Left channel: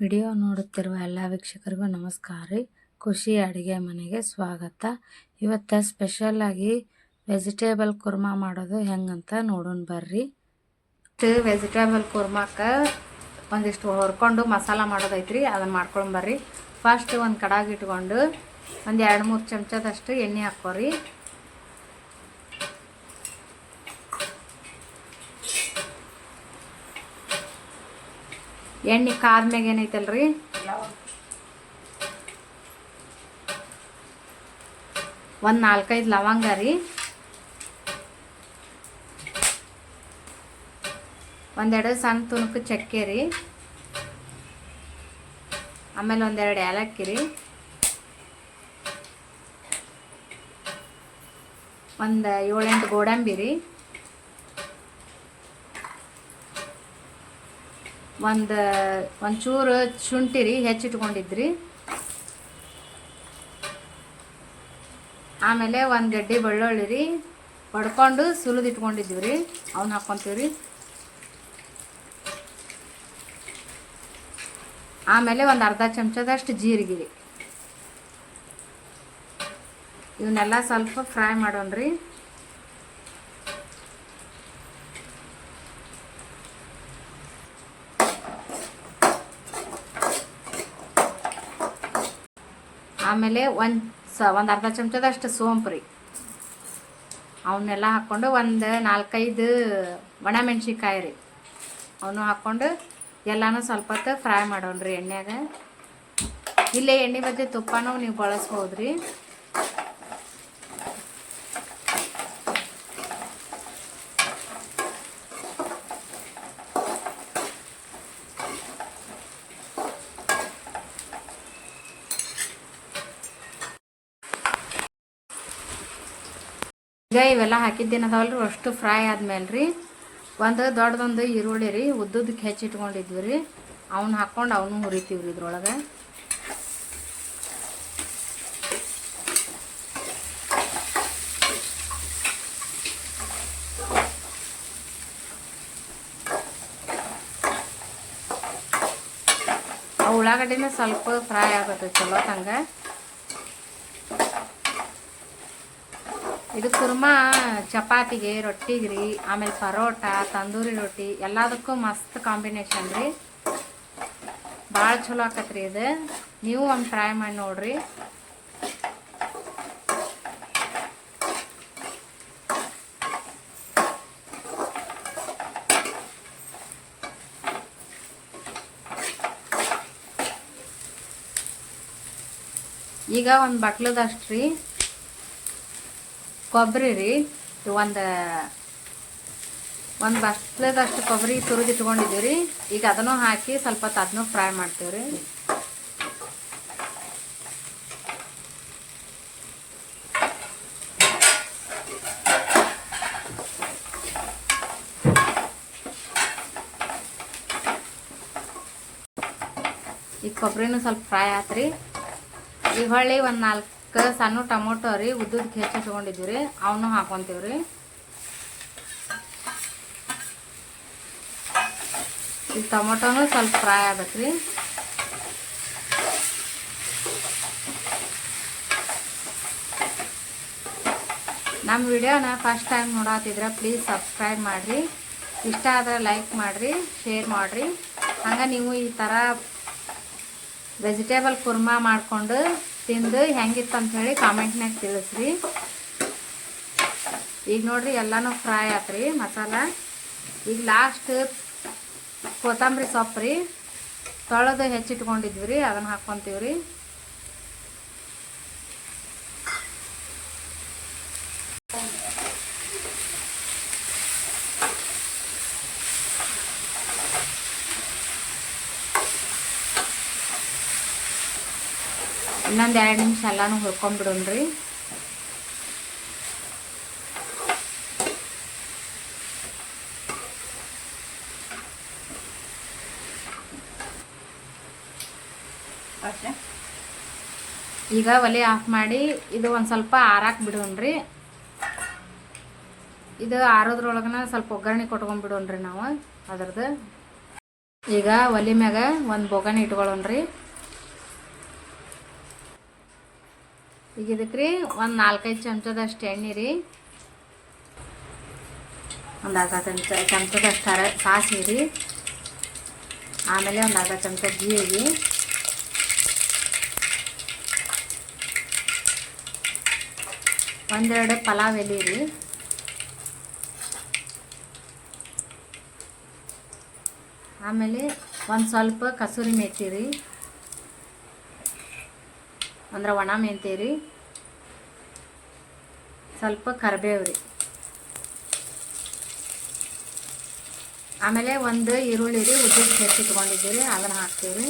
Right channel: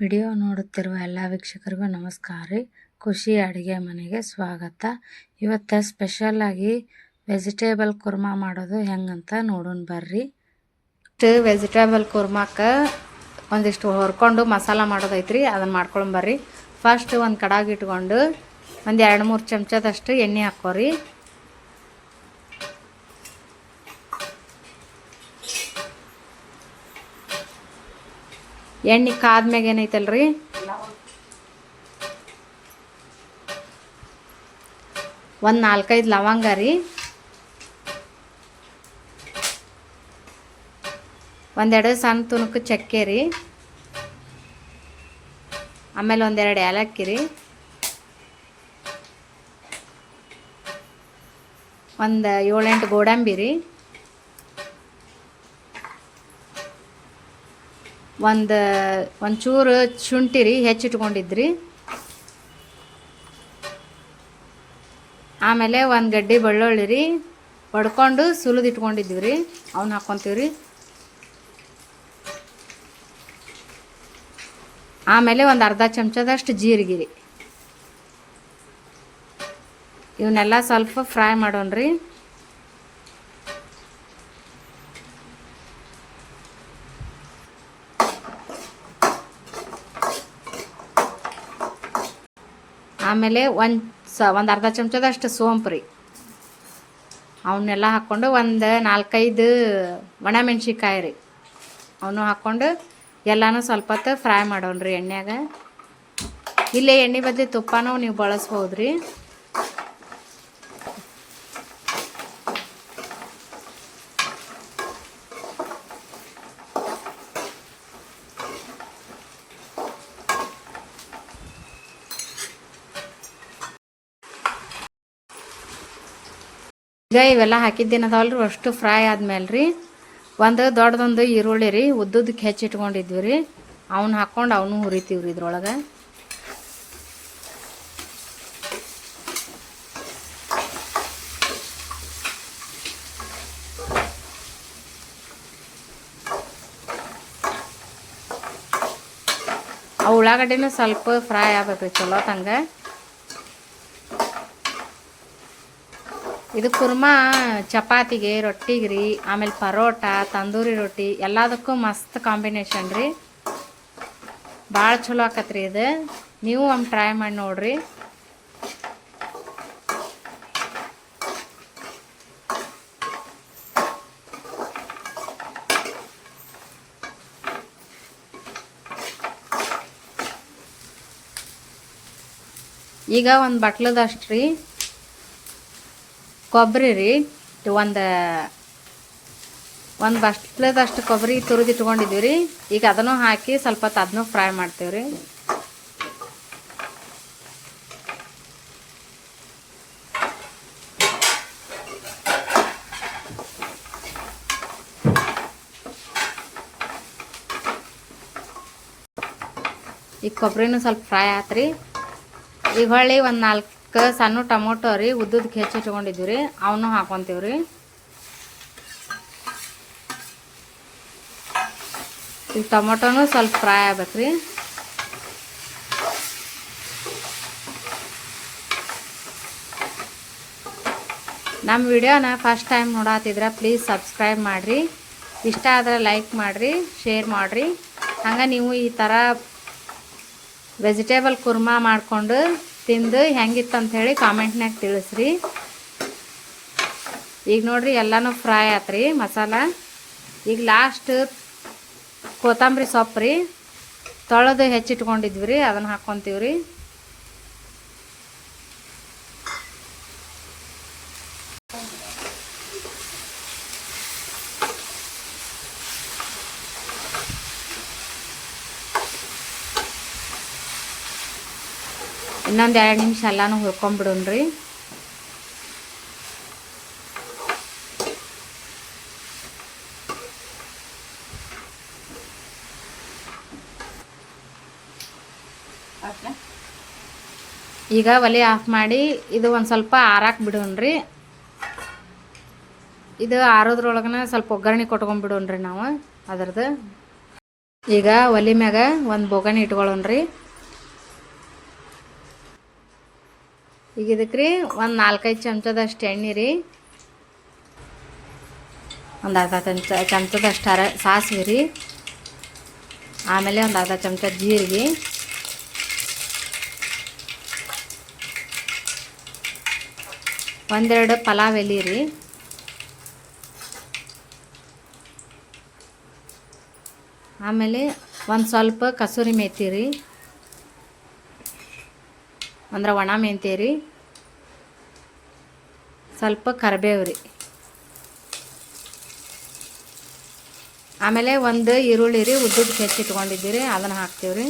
Video ನೋಡುತ್ತಿರುವ ಎಲ್ಲ ವೀಕ್ಷಕರಿಗೂ ನಮಸ್ಕಾರ ರೀ. ಖುಷಿ ಅಡುಗೆ ಮನೆಗೆ ಸ್ವಾಗತ. ಇವತ್ತು ಸ್ಪೆಷಲ್ಲಾಗಿ ವೆಜಿಟೇಬಲ್ ಕುರ್ಮಾ ಮಾಡೋದು ಹೆಂಗಂತ ನೋಡೋಣ ಬರ್ರಿ. ವೆಜಿಟೇಬಲ್ ಕುರ್ಮಾಕ್ಕೆ ಒಂದಿಷ್ಟು ಹೊರ್ಕೊಂಡು ಮಸಾಲ ಮಾಡೋದೈತ್ರಿ ಅದನ್ನು ಮಾಡ್ಕೊಂಡು ಬರ್ರಿ. ಫಸ್ಟ್ ಒಂದು ಕಡಾಗಿ ಇಟ್ಕೊಂಡು ಒಂದು ಎರಡು ಮೂರು ಚಮಚದಷ್ಟು ಎಣ್ಣೆ ಹಾಕೋರಿ ಎಣ್ಣೆ ಕಾದ್ಮ್ಯಾಗ ಏನೈತಲ್ರಿ? ಒಂದು ನಾಲ್ಕೈದು ಲವಂಗ ರೀ. ಒಂದೆರಡು ಸಣ್ಣ ತುಣುಕು ಚಕ್ಕೆ ರೀ. ಆಮೇಲೆ ಒಂದೆರಡು ಏಲಕ್ಕಿ ರೀ. ಒಂದು ಏಳೆಂಟು ಗೋಡಂಬಿ ರೀ. ಒಂದು ಒಂಚೂರು ಶುಂಠಿ ರೀ ಹೆಚ್ಚಿಟ್ಕೊಂಡಿದ್ರಿ. ಆಮೇಲೆ ಒಂದು ಗಡ್ಡೆ ಬೆಳ್ಳುಳ್ಳಿ ರೀ ಹೊಡ್ಕೊಂಡು ಸುಲಿದು ಇಟ್ಕೊಂಡಿದ್ವಿ ರೀ ಅವನ್ನ ಹಾಕ್ಕೊಂತೀವಿ ರೀ ಆಮೇಲೆ ಒಂದು ಅರ್ಧ ಚಮಚದಷ್ಟು ಜೀರಿಗೆ ರೀ ಇವನ್ನೆಲ್ಲ ಸ್ವಲ್ಪ ಫ್ರೈ ಮಾಡೋಣ ರೀ ಆಮೇಲೆ ಒಂದು ಸ, ಒಂದು ಅರ್ಧ ಚಮಚದಷ್ಟು ಸೋಂಪು ರೀ. ಅವನ್ನೆಲ್ಲ ಹಾಕ್ಕೊಂಡು ಒಂದು ನಾಲ್ಕೈದು ಒಣಮೆಣ್ಸಿಕಾಯಿ ರೀ. ಅವನು ಹಾಕ್ಕೊಂಡು ಎಲ್ಲನೂ ಸ್ವಲ್ಪ ಹೊತ್ತು ಫ್ರೈ ಮಾಡೋಣ ರೀ ಇಲ್ಲೇ ಎಣ್ಣೆ ಬದಲಿ ತುಪ್ಪನೂ ನೀವು ಬಳಸ್ಬೋದು ರೀ ಈಗ ಇವೆಲ್ಲ ಹಾಕಿದ್ದೇನದಲ್ರಿ, ಅಷ್ಟು ಫ್ರೈ ಆದ್ಮೇಲೆ ರೀ ಒಂದು ದೊಡ್ಡದೊಂದು ಈರುಳ್ಳಿ ರೀ ಉದ್ದುದಕ್ಕೆ ಹೆಚ್ಚಿಟ್ಕೊಂಡಿದ್ವಿ ರೀ. ಅವನ್ನ ಹಾಕ್ಕೊಂಡು ಅವನು ಹುರಿತೀವಿ ರೀ ಇದ್ರೊಳಗೆ. ಆ ಉಳ್ಳಾಗಡ್ಡಿನೂ ಸ್ವಲ್ಪ ಫ್ರೈ ಆಗ್ಬೇಕು, ಚಲೋ ತಂಗ. ಇದು ಕುರ್ಮ, ಚಪಾತಿಗೆ ರೊಟ್ಟಿಗೆ ರೀ, ಆಮೇಲೆ ಪರೋಟ, ತಂದೂರಿ ರೊಟ್ಟಿ, ಎಲ್ಲದಕ್ಕೂ ಮಸ್ತ್ ಕಾಂಬಿನೇಷನ್ ರೀ. ಭಾಳ ಚಲೋ ಆಕತ್ರಿ ಇದು. ನೀವು ಒಮ್ಮೆ ಟ್ರೈ ಮಾಡಿ ನೋಡ್ರಿ. ಈಗ ಒಂದು ಬಟ್ಲದಷ್ಟು ರೀ. ಕೊಬ್ಬರಿ ರೀ. ಒಂದು ಒಂದು ಬಸ್ಲದಷ್ಟು ಕೊಬ್ಬರಿ ತುರಿದು ಇಟ್ಕೊಂಡಿದ್ವಿ ರೀ. ಈಗ ಅದನ್ನು ಹಾಕಿ ಸ್ವಲ್ಪ ಹೊತ್ತು ಅದನ್ನು ಫ್ರೈ ಮಾಡ್ತೀವಿ ರೀ. ಈ ಕೊಬ್ಬರಿನೂ ಸ್ವಲ್ಪ ಫ್ರೈ ಆತ್ರಿ ಈಗ ಹೊಳ್ಳಿ ಒಂದು ನಾಲ್ಕು ಸಣ್ಣ ಟೊಮೊಟೊ ರೀ ಉದ್ದದಕ್ಕೆ ಹೆಚ್ಚು ಇಟ್ಕೊಂಡಿದ್ವಿ ರೀ ಅವನು ಹಾಕೊತೀವಿ ರೀ ಈಗ ಟೊಮೊಟೊನೂ ಸ್ವಲ್ಪ ಫ್ರೈ ಆಗ್ಬೇಕು ರೀ ನಮ್ಮ ವಿಡಿಯೋನ ಫಸ್ಟ್ ಟೈಮ್ ನೋಡತ್ತಿದ್ರೆ ಪ್ಲೀಸ್ ಸಬ್ಸ್ಕ್ರೈಬ್ ಮಾಡಿರಿ. ಇಷ್ಟ ಆದ್ರೆ ಲೈಕ್ ಮಾಡಿರಿ, ಶೇರ್ ಮಾಡಿರಿ. ಹಂಗೆ ನೀವು ಈ ಥರ ವೆಜಿಟೇಬಲ್ ಕುರ್ಮಾ ಮಾಡಿಕೊಂಡು ತಿಂದು ಹೆಂಗಿತ್ತು ಅಂಥೇಳಿ ಕಾಮೆಂಟ್ನಾಗ ತಿಳಿಸ್ರಿ. ಈಗ ನೋಡ್ರಿ ಎಲ್ಲನೂ ಫ್ರೈ ಆತ್ರಿ ಮಸಾಲ. ಈಗ ಲಾಸ್ಟ್ ಕೊತ್ತಂಬರಿ ಸೊಪ್ಪು ರೀ ತೊಳೆದು ಹೆಚ್ಚಿಟ್ಕೊಂಡಿದ್ವಿ ರೀ, ಅದನ್ನು ಹಾಕ್ಕೊತೀವಿ ಇನ್ನೊಂದು ಎರಡು ನಿಮಿಷ ಎಲ್ಲನೂ ಹುರ್ಕೊಂಬಿಡೋಣ್ರಿ ಈಗ ಒಲೆ ಆಫ್ ಮಾಡಿ ಇದು ಒಂದು ಸ್ವಲ್ಪ ಆರಾಕ್ ಬಿಡೋಣ್ರಿ. ಇದು ಆರೋದ್ರೊಳಗನ ಸ್ವಲ್ಪ ಒಗ್ಗರಣೆ ಕೊಟ್ಕೊಂಡ್ಬಿಡೋಣ್ರಿ ನಾವು ಅದ್ರದ್ದು. ಈಗ ಒಲೆ ಮ್ಯಾಗ ಒಂದು ಬೋಗಣಿ ಇಟ್ಕೊಳ್ಳೋಣ್ರಿ. ಈಗ ಇದಕ್ಕೆ ರೀ ಒಂದು ನಾಲ್ಕೈದು ಚಮಚದಷ್ಟು ಎಣ್ಣೆ ರೀ. ಒಂದು ಅರ್ಧ ಚಮಚ ಚಮಚದಷ್ಟು ಅರ ಸಾಸಿವೆ ರೀ. ಆಮೇಲೆ ಒಂದು ಅರ್ಧ ಚಮಚ ಜೀರಿಗೆ. ಒಂದೆರಡು ಪಲಾವ್ ಎಲೆ ರೀ. ಆಮೇಲೆ ಒಂದು ಸ್ವಲ್ಪ ಕಸೂರಿ ಮೆಥಿ ರೀ. ಅಂದ್ರೆ ಒಣ ಮೆಂತ್ಯ ರೀ ಸ್ವಲ್ಪ ಕರಿಬೇವು ರೀ. ಆಮೇಲೆ ಒಂದು ಈರುಳ್ಳಿ ರೀ, ಉದ್ದುದ್ದು ಹೆಚ್ಚಿ ಇಟ್ಕೊಂಡಿದ್ದೀವಿ ಅದನ್ನು ಹಾಕ್ತೀವಿ ರೀ.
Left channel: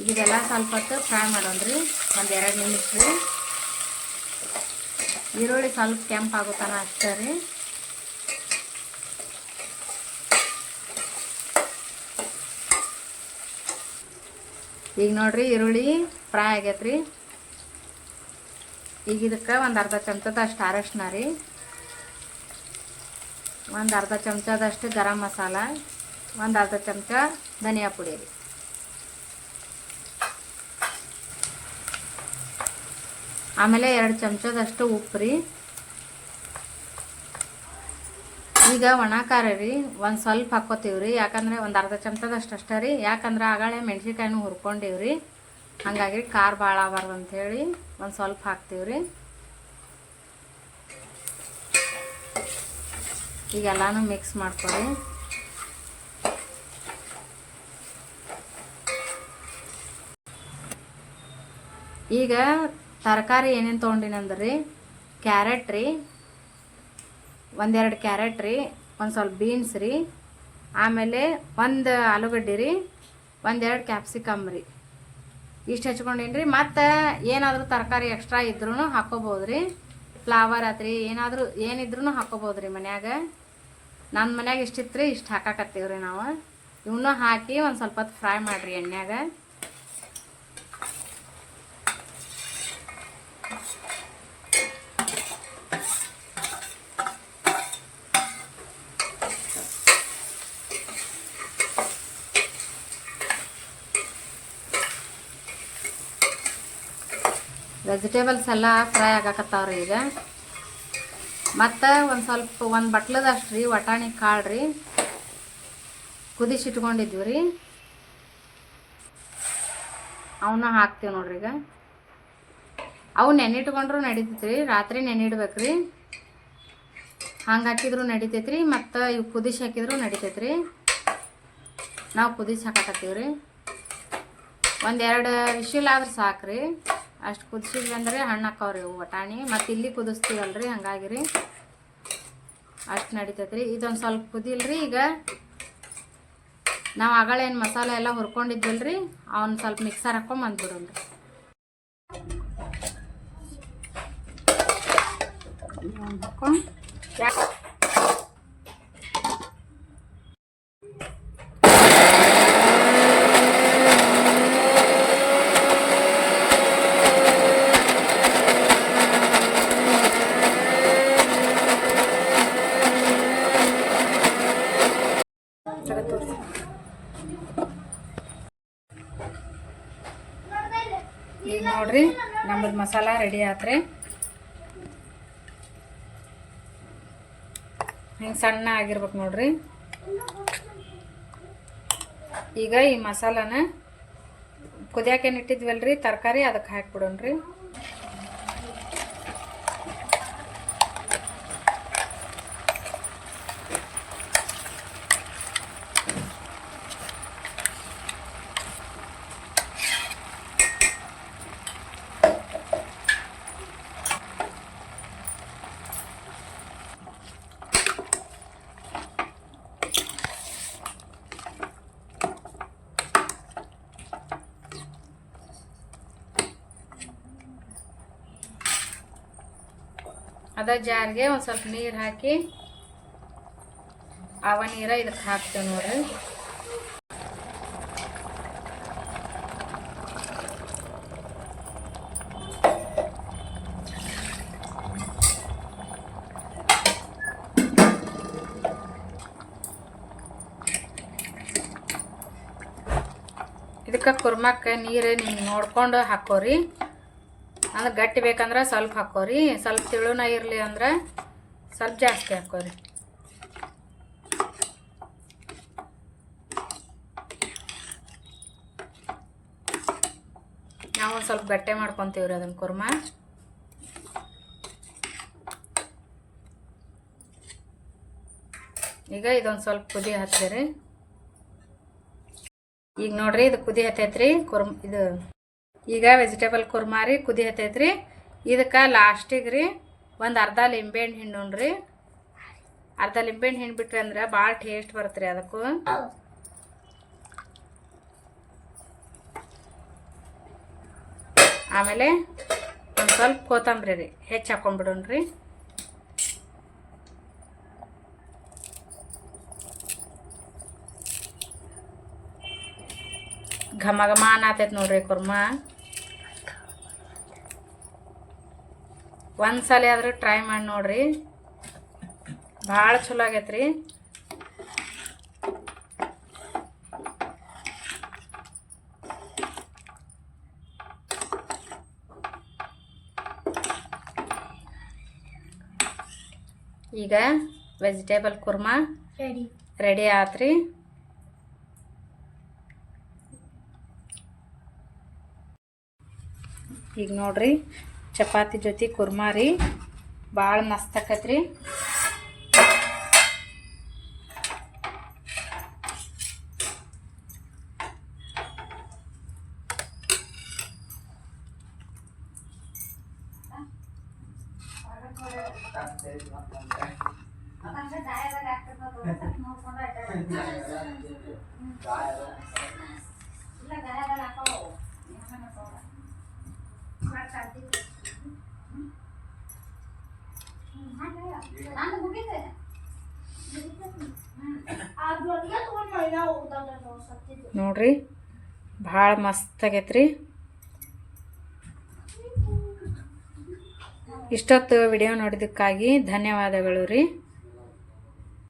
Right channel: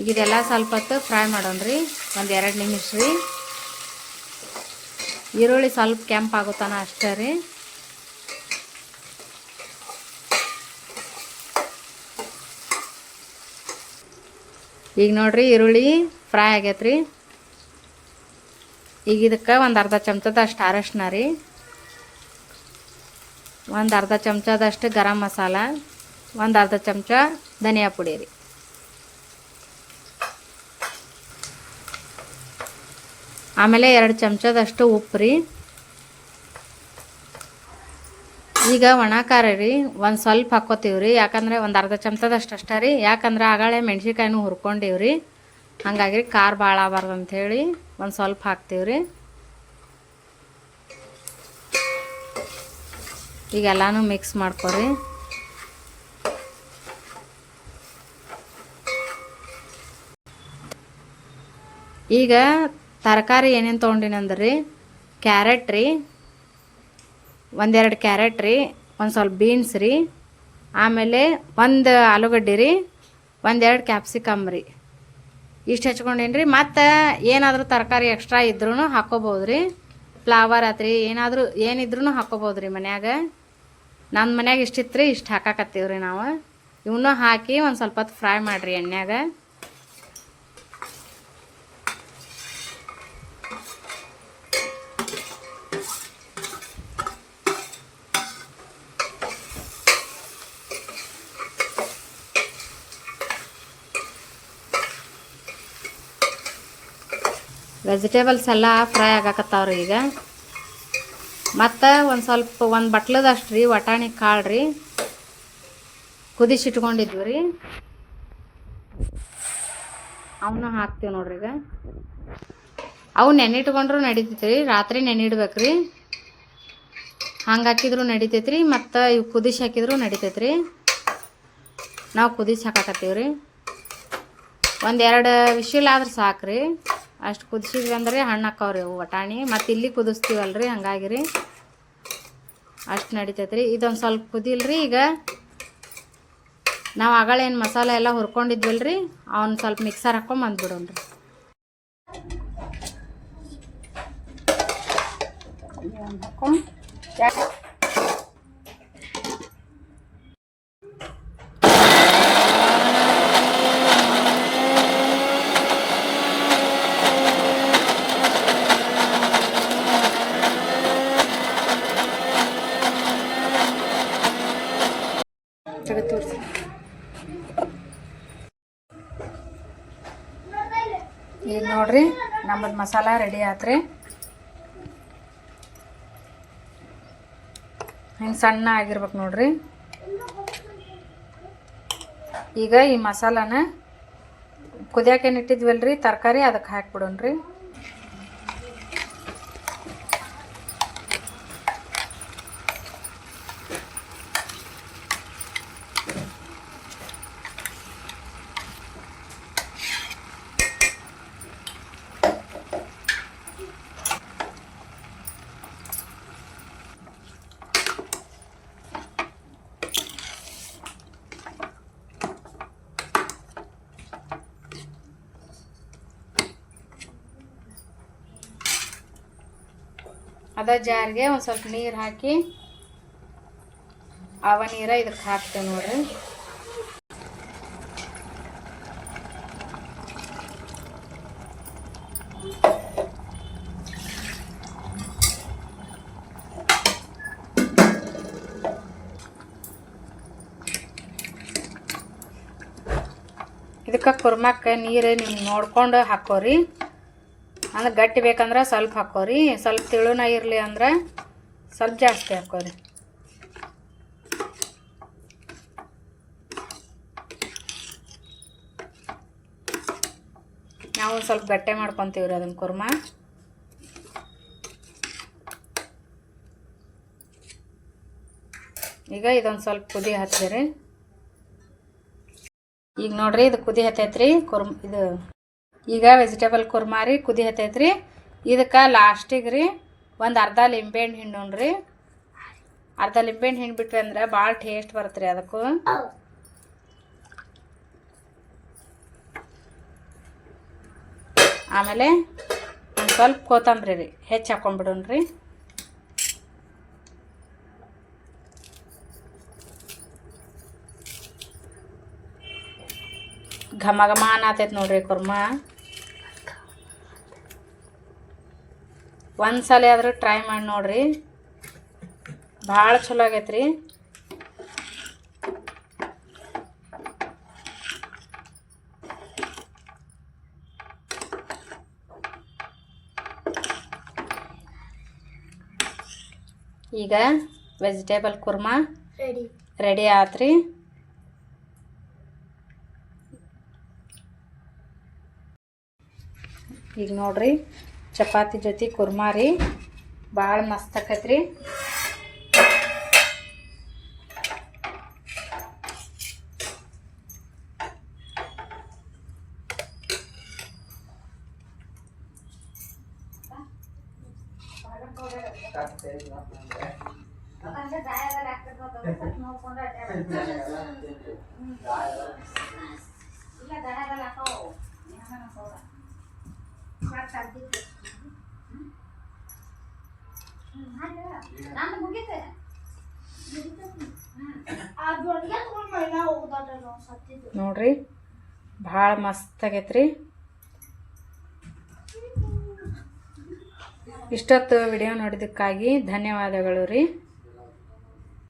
ಈಗ ಇದೆಲ್ಲ ಸ್ವಲ್ಪ ಹೊತ್ತು ಫ್ರೈ ರೀ, ಒಂದು ಎರಡು ನಿಮಿಷ ರೀ. ಈರುಳ್ಳಿ ಸ್ವಲ್ಪ ಕೆಂಪಾಗುತ್ತಾನ ಅಷ್ಟೇ ರೀ. ಈಗ ನೋಡ್ರಿ ಈರುಳ್ಳಿ ಫ್ರೈ ಆಗೈತೆ ಈಗ ಇದಕ್ಕೆ ಒಂದು ಅರ್ಧ ಚಮಚದಷ್ಟು ಅರಶಿನ ರೀ. ಒಂದು ಅರ್ಧ ಚಮಚದಷ್ಟು ಗರಂ ಮಸಾಲ, ಒಂದು ಅರ್ಧ ಚಮಚ ಧನಿಯಾ ಪುಡಿ ರೀ. ಆಮೇಲೆ ಎರಡು ಚಮಚದಷ್ಟು ಉಪ್ಪು ರೀ. ಈಗ ಒಣ ಖಾರ ರೀ, ಒಂದು ಸ್ವಲ್ಪ ಹಾಕೋತೀವಿ ರೀ, ಯಾಕಂದರೆ ಒಂದು ಅರ್ಧ ಚಮಚದಷ್ಟು ಅಷ್ಟೇ ರೀ, ಯಾಕಂದ್ರೆ ಆಗಳೆ ಮೆಣ್ಸಿನ್ಕಾಯಿನೂ ಹುರ್ಕೊಂಡೀವಿ ರೀ, ಹಾಗಾಗಿ ಖಾರ ಭಾಳ ಆಗಬಾರ್ದು ಅಂಥೇಳಿ ಒಂದು ಸ್ವಲ್ಪ ಹಾಕ್ತೀವಿ ರೀ. ಈಗ ಎಲ್ಲನೂ ಮಿಕ್ಸ್ ಮಾಡ್ಕೊರಿ. ಈಗ ತರಕಾರಿ ಏನೇನು ತೊಗೊಂಡಿನಂದ್ರೆ ರೀ ಕ್ಯಾರೆಟ್ ರೀ ಒಂದೆರಡು ಕ್ಯಾರೆಟ್ ರೀ, ಒಂದು ಸ್ವಲ್ಪ ಬೀನ್ಸ್ ರೀ, ಆಮೇಲೆ ಒಂದು ಆಲೂಗಡ್ಡೆ ರೀ, ಒಂದೆರಡು ಕ್ಯಾಪ್ಸಿಕಮ್ ರೀ. ಇಷ್ಟು ಹಚ್ಕೊಂಡೇನಿ ರೀ ಮತ್ತು ಏನಾದರೂ ತರಕಾರಿ ಎಕ್ಸ್ಟ್ರಾ ಇದ್ರೂ ಹಾಕೋಬೋದು ರೀ. ಫ್ಲವರ್ ಆತ್ರಿ, ಏನಾದರೂ ಏನಿದ್ರೂ ಹಾಕೋಬೋದು ರೀ ಮನ್ಯಾಗ. ನನ್ನ ಮನ್ಯಾಗ ಇಷ್ಟಿತ್ತು ರೀ ಇಷ್ಟು ಹಾಕಾಕತ್ತೀವಿ ರೀ ನಾವು. ಇವನ್ನೂ ಹಾಕಿ ಒಂದು ಸ್ವಲ್ಪ ಫ್ರೈ ಮಾಡಿರಿ ಎಣ್ಣೆಯಾಗ. ವೆಜಿಟೇಬಲ್ಸ್ ಎಲ್ಲ ಫ್ರೈ ಆಗಾಕತ್ತಾವ್ರಿ ಈಗ. ಮತ್ತು ಒಂದು ಸ್ವಲ್ಪ ಒಂದು ಬಟ್ಲದಷ್ಟು ರೀ, ವಟಾಣಿ ಕಾಳು ರೀ. ಕುದಿಸಿಟ್ಕೊಂಡಿದ್ವಿ ರೀ. ಅವನ್ನ ಹಾಕ್ತೀವಿ ನೋಡ್ರಿ ಈಗ. ಅವು ನೆನಿಟ್ಕೊಂಡ್ರು ನಡೀತೈತೆ ರೀ ರಾತ್ರಿ ನೆನಿಡ್ಬೇಕು ರೀ ಹಂಗೆ ಹಾಕಿದ್ರು ನಡಿತೈತೆ ರೀ ಮತ್ತು ಇವು ಕುದಿಸಿ ಹಾಕಿದ್ರು ನಡಿತೈತೆ ರೀ ನಾವು ಕುದಿಸಿ ಹಾಕಾಕತ್ತೀವಿ ರೀ ಒಂದೆರಡು ವಿಶಿಲ್ ಆದ್ರೆ ಸಾಕು ರೀ ಅಷ್ಟು ಕುದಿಸಿದ್ವಿ ಅಂದ್ರೆ ಹಣ್ಣು ಹಾಕವ್ರಿ ರೀ ವಟಾಣಿ. ಮತ್ತು ಇಲ್ಲಿ ಕುದಿಸ್ತೀವಲ್ರಿ ಹಂಗಾಗಿ ರೀ ಅಷ್ಟು ನಡಿತೈತೆ ರೀ ಇದೊಂದು ಸ್ವಲ್ಪ ಕುದಿಲ್ರಿ ಈಗ. ನಾವು ಆಗಳೇನು ಮಸಾಲೆ ಎಲ್ಲ ಹುರ್ಕೊಂಡಿದ್ವಲ್ರಿ, ಅವ್ನು ಸ್ವಲ್ಪ ಮಿಕ್ಸರ್ ಹಾಕೊಂಡ್ ಬಂದ್ಬಿಡೋಣ್ರಿ. ಹಾಕೊಂಡು ತೋರಿಸಿ ಈಗ ನೋಡ್ರಿ ನಮ್ಮದು ಮಸಾಲ ರೆಡಿ ಆತ್ರಿ. ಹಿಂಗೆ ಸಣ್ಣ ಆಗಿರ್ಬೇಕು ನೋಡ್ರಿ. ಈಗ ಈ ಮಸಾಲಾನ ಕುದಿಯಾಕೇನು ಇಟ್ಟಿದ್ವಲ್ರಿ? ತರಕಾರಿ ಅದಕ್ಕೆ ಹಾಕ್ಬಿಡೋಣ್ರಿ. ಅದ ಜಾರಿಗೆ ಒಂದು ಸ್ವಲ್ಪ ನೀರು ಹಾಕಿ ಅವ ನೀರ ಇದಕ್ಕೆ ಹಾಕ್ತೇವೆ ನೋಡ್ರಿ. ಇದಕ್ಕೆ ಕುರ್ಮಕ್ಕೆ ನೀರು ನಿಮ್ಗೆ ನೋಡ್ಕೊಂಡು ಹಾಕೋರಿ. ಅಂದ್ರೆ ಗಟ್ಟಿ ಬೇಕಂದ್ರೆ ಸ್ವಲ್ಪ ಹಾಕೋರಿ. ಸ್ವಲ್ಪ ತಿಳುನ ಇರಲಿ ಅಂದ್ರೆ ಸ್ವಲ್ಪ ಜಾಸ್ತಿ ಹಾಕೋರಿ. ನಾವು ಸ್ವಲ್ಪ ಗಟ್ಟೆ ಮಾಡ್ಕೊತೀವಿ ರೀ ಅದನ್ನು ಕುರ್ಮ. ಈಗ ಇದೊಂದು ಸ್ವಲ್ಪ ಕುದಿ ಹಚ್ಚಿರಿ ಈಗ ನೋಡ್ರಿ ಇದು ಕುದಿ ಹತ್ತೈತ್ರಿ. ಕುರ್ಮ ಇದು ಈಗ ವೆಜಿಟೇಬಲ್ ಕುರ್ಮಾ ರೀ ಕುದಿ ರೀ ಇದಕ್ಕೆ ಲಾಸ್ಟಿಗೆ ರೀ, ಒಂದು ಅರ್ಧ ಲಿಂಬೆಹಣ್ಣು ಹಿಂಡು ರೀ. ಅರ್ಧ ಲಿಂಬೆಹಣ್ಣು ಹಿಂಡು ಬಿಟ್ವಿ ಅಂದ್ರೆ ಭಾಳ ಟೇಸ್ಟ್ ಬರುತ್ತೆ ರೀ ಅದಕ್ಕೂ. ಆಮೇಲೆ ಒಂದು ಸ್ವಲ್ಪ ಕೊತ್ತಂಬರಿ ರೀ, ಹೆಚ್ಚು ಹಾಕೊಂಡ್ಬಿಡೋಣ್ರಿ ಘಮ ಘಮ ಅನ್ನತೈತೆ ನೋಡ್ರಿ ಕುರ್ಮಾ. ಒಂದು ಸಲ ಆದರೂ ಟ್ರೈ ಮಾಡಿ ನೋಡ್ರಿ. ಭಾಳ ಚಲೋ ಆಗೈತೆ ರೀ ಈಗ ವೆಜಿಟೇಬಲ್ ಕುರ್ಮಾ ರೆಡಿ ರೆಡಿ ಆತ್ರಿ. ಈಗ ನೋಡ್ರಿ. ಚಪಾತಿ ಜೊತೆ ಕುರ್ಮಾ ರೀ. ಭಾಳ ಮಸ್ತ್ ಆಕೈತ್ರಿ ಅದು ಅಡುಗೆ ತೊಗೊಂಡು ಮೈನಾ ಹೋಗ್ದಲ್ಲ ನಾವು ಸತ್ತಿದ್ದು ನೋಡ್ರಿ. ಭಾಳ ಮಸ್ತ್ ರೀ ಇಷ್ಟೊತ್ತು ವಿಡಿಯೋ ನೋಡಿದ್ದಕ್ಕಾಗಿ ಧನ್ಯವಾದಗಳು ರೀ.